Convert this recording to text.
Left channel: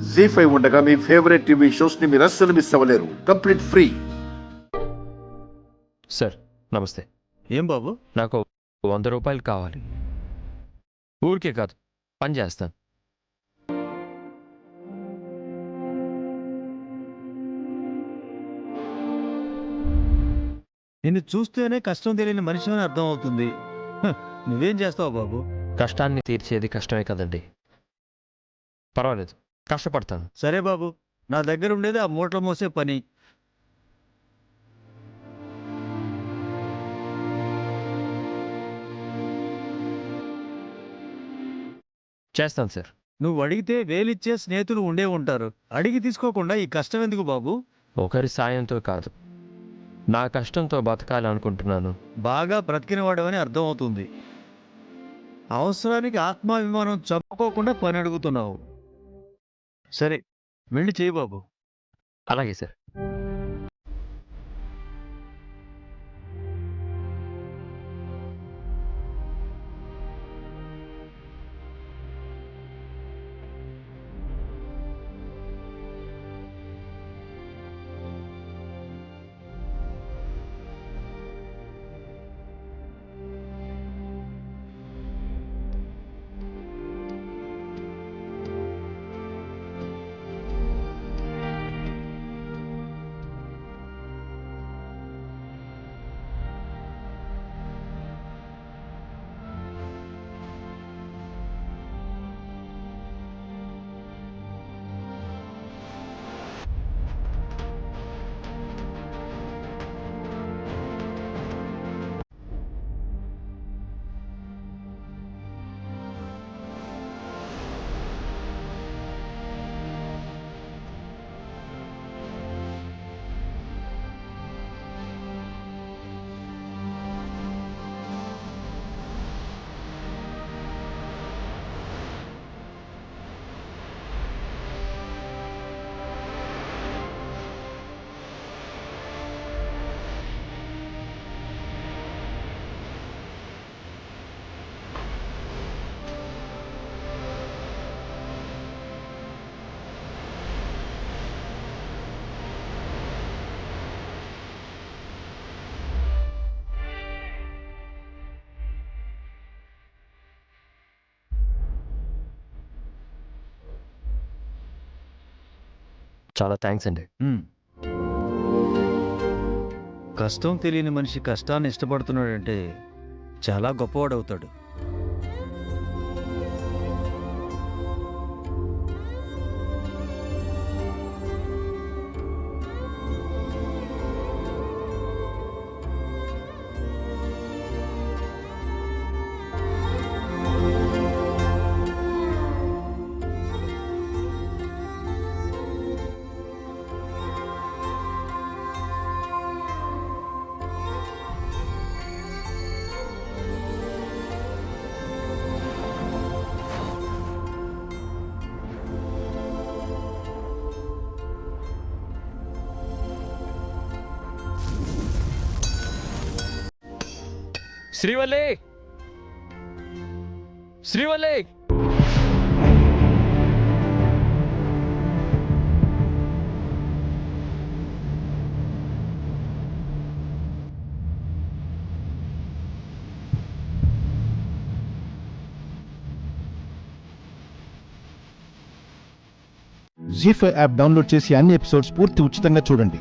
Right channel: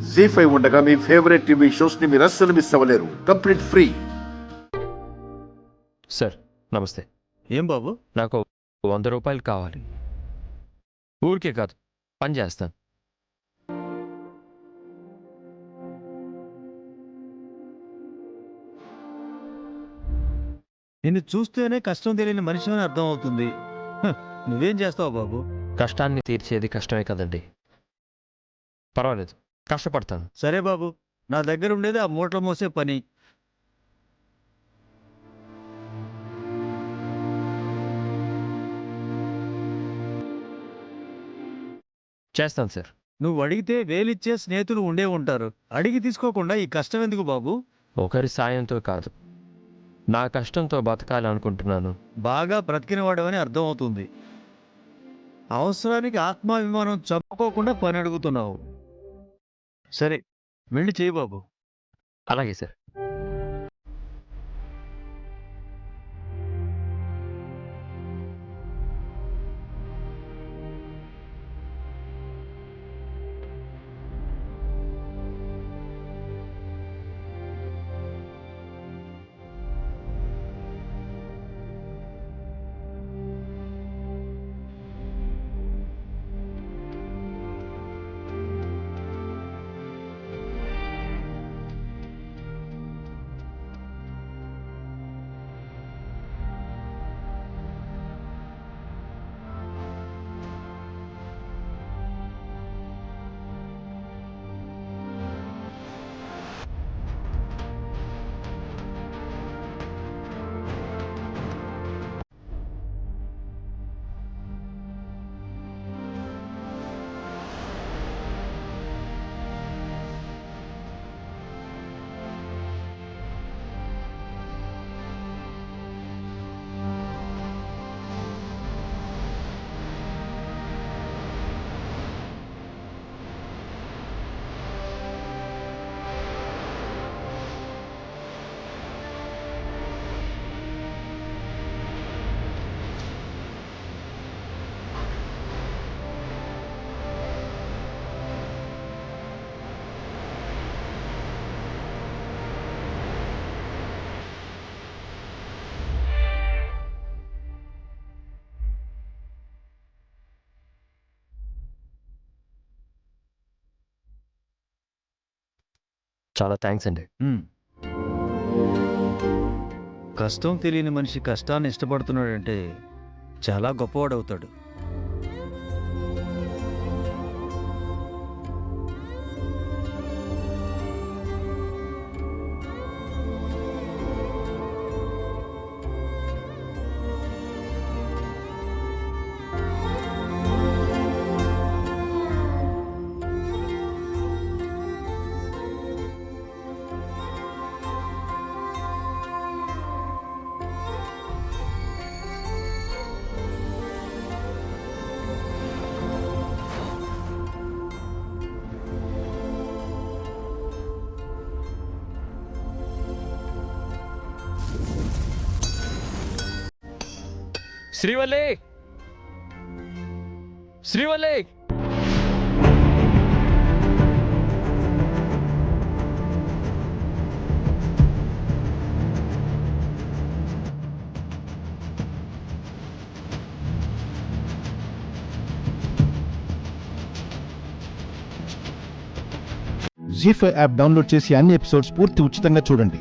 జీ5 ఉండగా మీ favourite TV shows ని మీరు అస్సలు మిస్ అవ్వలేరు. Complete free. సార్ నమస్తే. ఏం బాబు? నాకు 100 రూపాయలు కావాలి. ఊరికే కాదు, పని చేస్తాను. నిన్ను చూస్తేనే కష్టం తెలియని మనిషి అని అర్థం అవుతుంది. నువ్వేం చేస్తావు బాబు? కష్టాన్ని తీర్చేది కష్టమే కదండి. పర్వాలేదు, కష్టపడతాను. సరే బాబు, నా దగ్గర ఉండేది ఆ మూటలు మోసే పని. చేస్తాను సార్. నువ్వు అడిగితే వేలిచ్చే స్నేహితులు ఉండే ఉంటారు. అడిగి తీసుకోకుండా ఈ కష్టం ఎందుకు బాబు? ఒకరి సాయంతో కాదు, నా కష్టంతో బతకాలి అనుకుంటున్నాను. బాగా బ్రతికినవాడవని అర్థం అవుతుంది. అవసరానికి ఆత్మాభిమానం చంపుకోకుండా పని అడుగుతున్నావు. సరే, వెళ్ళి చేయి బాబు. అలాగే సార్. చాలా థ్యాంక్స్ అండి. కష్టం తెలియని మనిషి కష్టాన్ని ఇష్టపడుతున్నాడంటే చాలా గొప్పవాడవుతాడు. శ్రీవల్లి, శ్రీవల్లి, జీ5 యాప్ డౌన్లోడ్ చేసి అన్ని ఎపిసోడ్స్ పూర్తి ఉచితంగా చూడండి.